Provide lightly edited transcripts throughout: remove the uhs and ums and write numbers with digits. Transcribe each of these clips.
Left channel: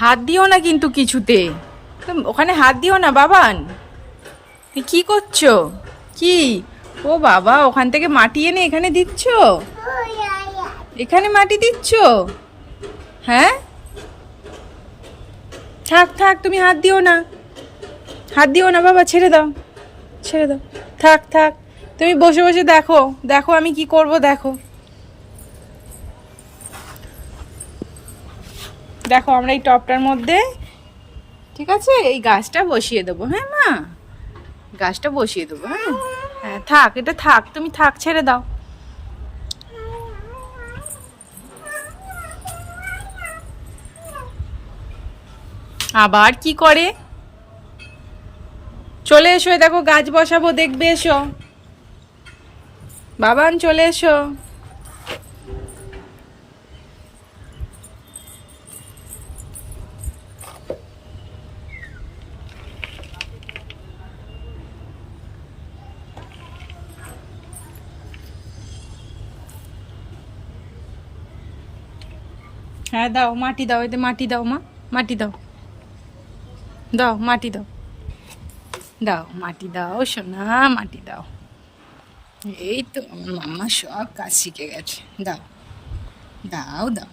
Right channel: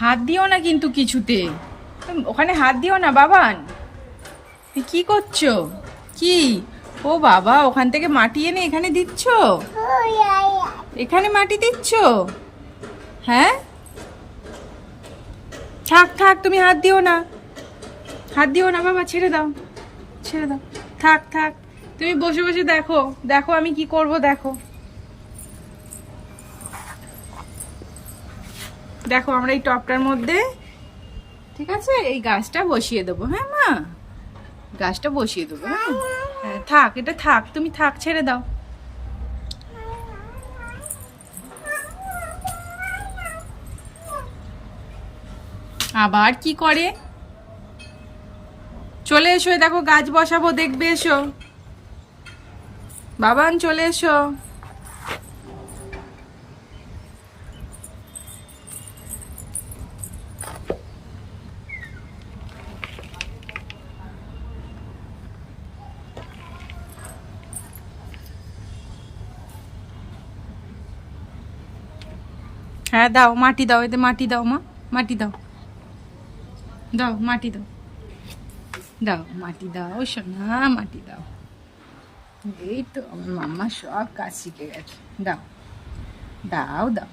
হাত দিও না কিন্তু কিছুতে। ওখানে হাত দিও না বাবান। কি করছো? কি? ও বাবা, ওখান থেকে মাটি এনে এখানে দিচ্ছ? এখানে মাটি দিচ্ছ? হ্যাঁ, থাক থাক, তুমি হাত দিও না। হাত দিও না বাবা, ছেড়ে দাও, ছেড়ে দাও। থাক থাক, তুমি বসে বসে দেখো, দেখো আমি কি করব, দেখো। দেখো আমরা এই টবটার মধ্যে, ঠিক আছে, এই গাছটা বসিয়ে দেবো। হ্যাঁ মা, গাছটা বসিয়ে দেবো। হ্যাঁ হ্যাঁ, থাক, এটা থাক, তুমি থাক, ছেড়ে দাও। আবার কি করে? চলে এসো, দেখো গাছ বসাবো, দেখবে, এসো বাবান, চলে এসো। হ্যাঁ দাও, মাটি দাও, এতে মাটি দাও মা, মাটি দাও, দাও মাটি দাও, দাও মাটি দাও সোনা, মাটি দাও। এই তো আমার মাম্মা সব কাজ শিখে গেছে। দাও, দাও দাও।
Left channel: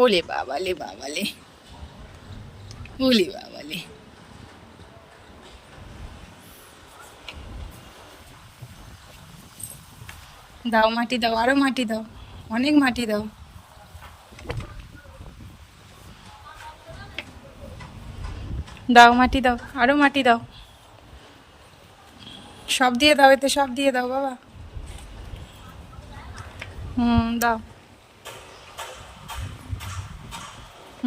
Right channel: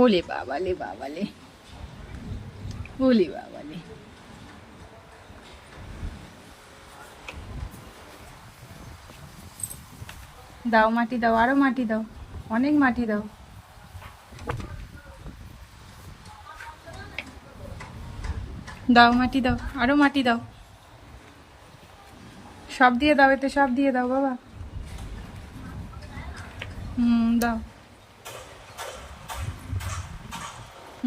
ওলে বাবালে, বাবালে, ওলে বাবালে। দাও মাটি দাও, আরো মাটি দাও, অনেক মাটি দাও। দাও মাটি দাও, আরো মাটি দাও, সব দিয়ে দাও, এতে সব দিয়ে দাও বাবা। দাও,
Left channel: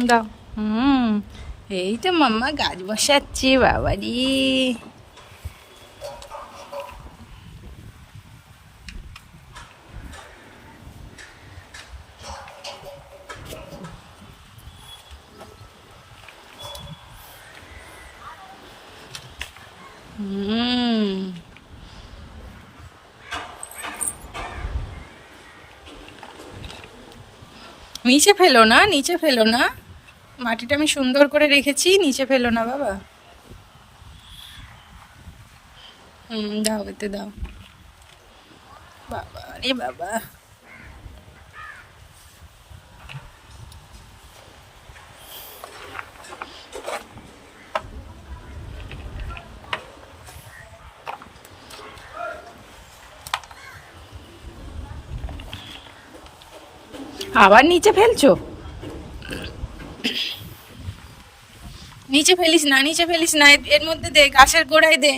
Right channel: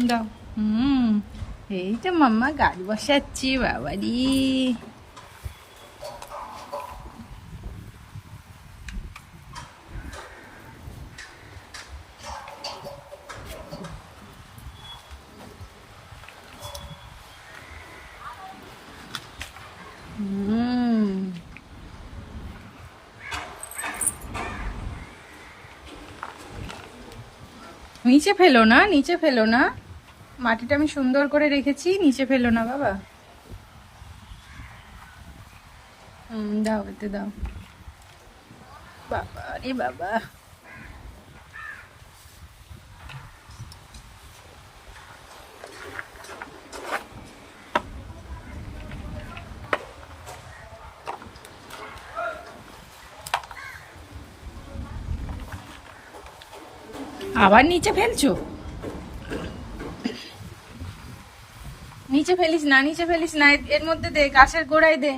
দাও। এই তো মাম্মা গাছ বসাচ্ছে বাবারি। নিচে ফেলো না, নিচে ফেলো না, মাটিটা আমি সুন্দর করে রেখেছি, নিচে ফেলো না বাবা। দাও, এতে দাও। বাবা রে বাবা। আবার নিচে ফেলছো? নিচে ফেলিস না, নিচে ফেলিস না, এর মধ্যে দে, গাছের গোড়ায় দে,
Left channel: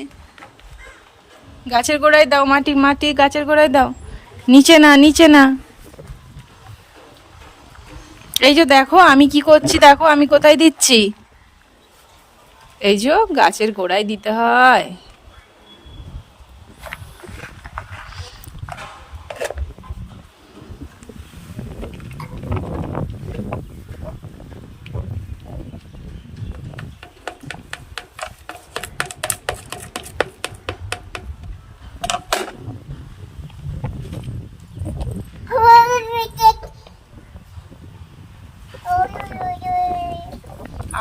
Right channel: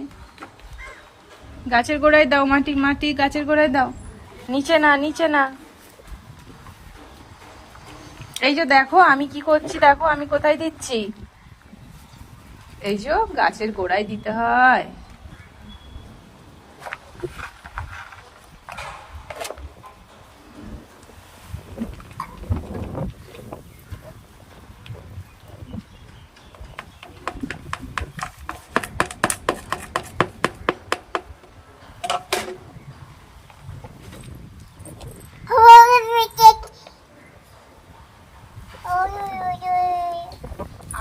গাছের গোড়ায় দাও মাটি, মাটি গাছের গোড়ায় দাও। নিচে না, নিচে না। এই যে দেখো আমি কি করছি, দেখো আমি কোথায় দিচ্ছি। এই যে গাছের গোড়ায় দিতে হয়।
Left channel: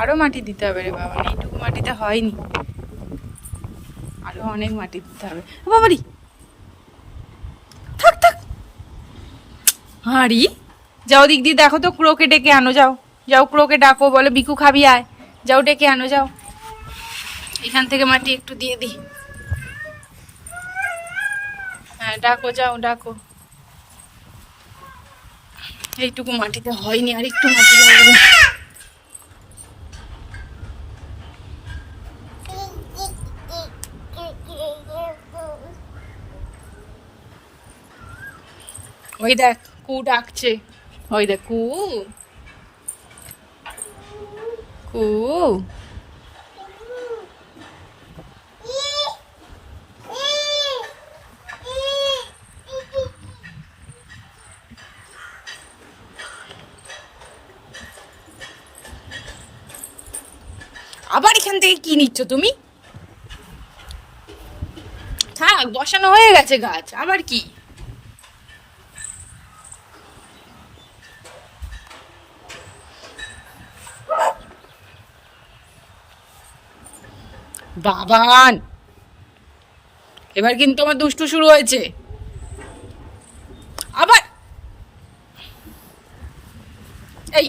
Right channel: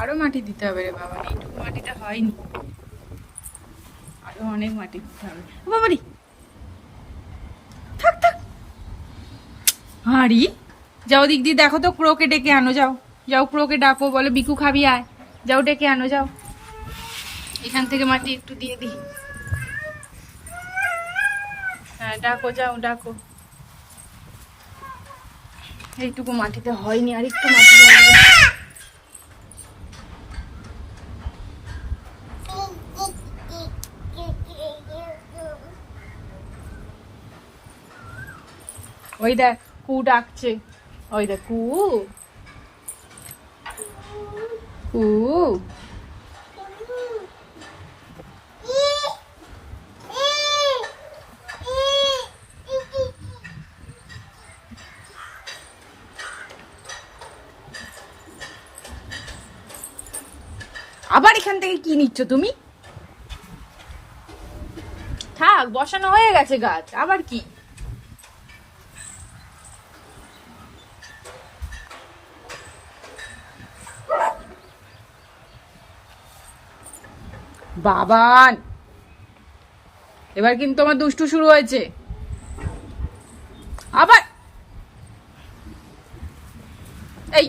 আরো মাটি দিতে হবে রে বাবা, এইটুকু মাটিতে হয়নি, আরো অনেক মাটি দিতে হবে। বাবারি, থাক থাক। হাঁড়ি, যাও দিক দিয়ে দেখো তো, ক্রোকে ডেকে আনো, যাও যাও, ক্রোকে ডাকো, বলে বিকু খাবি আয়, যাও ডেকে আনো, যাও। এখান থেকে মাটি একটু দিয়ে দিই। হ্যাঁ ডাকো, যাও ডাকো। এইটুকু মাটিতে হয়নি, আর একটু মাটি লাগবে। ওই দেখ কু ডাকছে, ওই দেখ কু, কু। আবার এখান থেকে কি নিচ্ছ তুমি? থাক, বসানো হয়ে গেছে গাছ, আবার কি? বাবান, এবার কিন্তু আমার দুষ্টু শুরু হয়েছে আবার। এই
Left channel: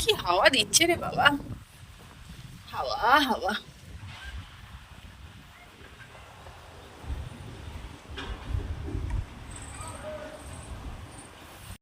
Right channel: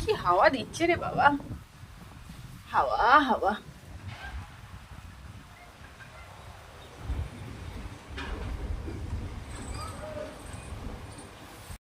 কি হাওয়া দিচ্ছে রে বাবা, হাওয়া হাওয়া।